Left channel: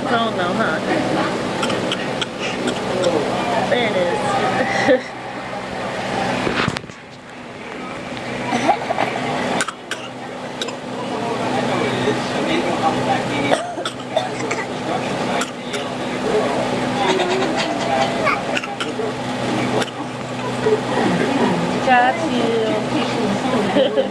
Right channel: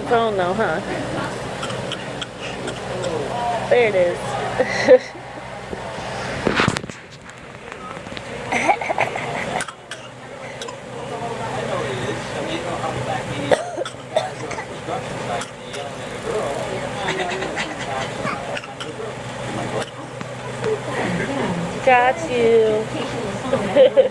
damn phone though, huh? There it is. Got you.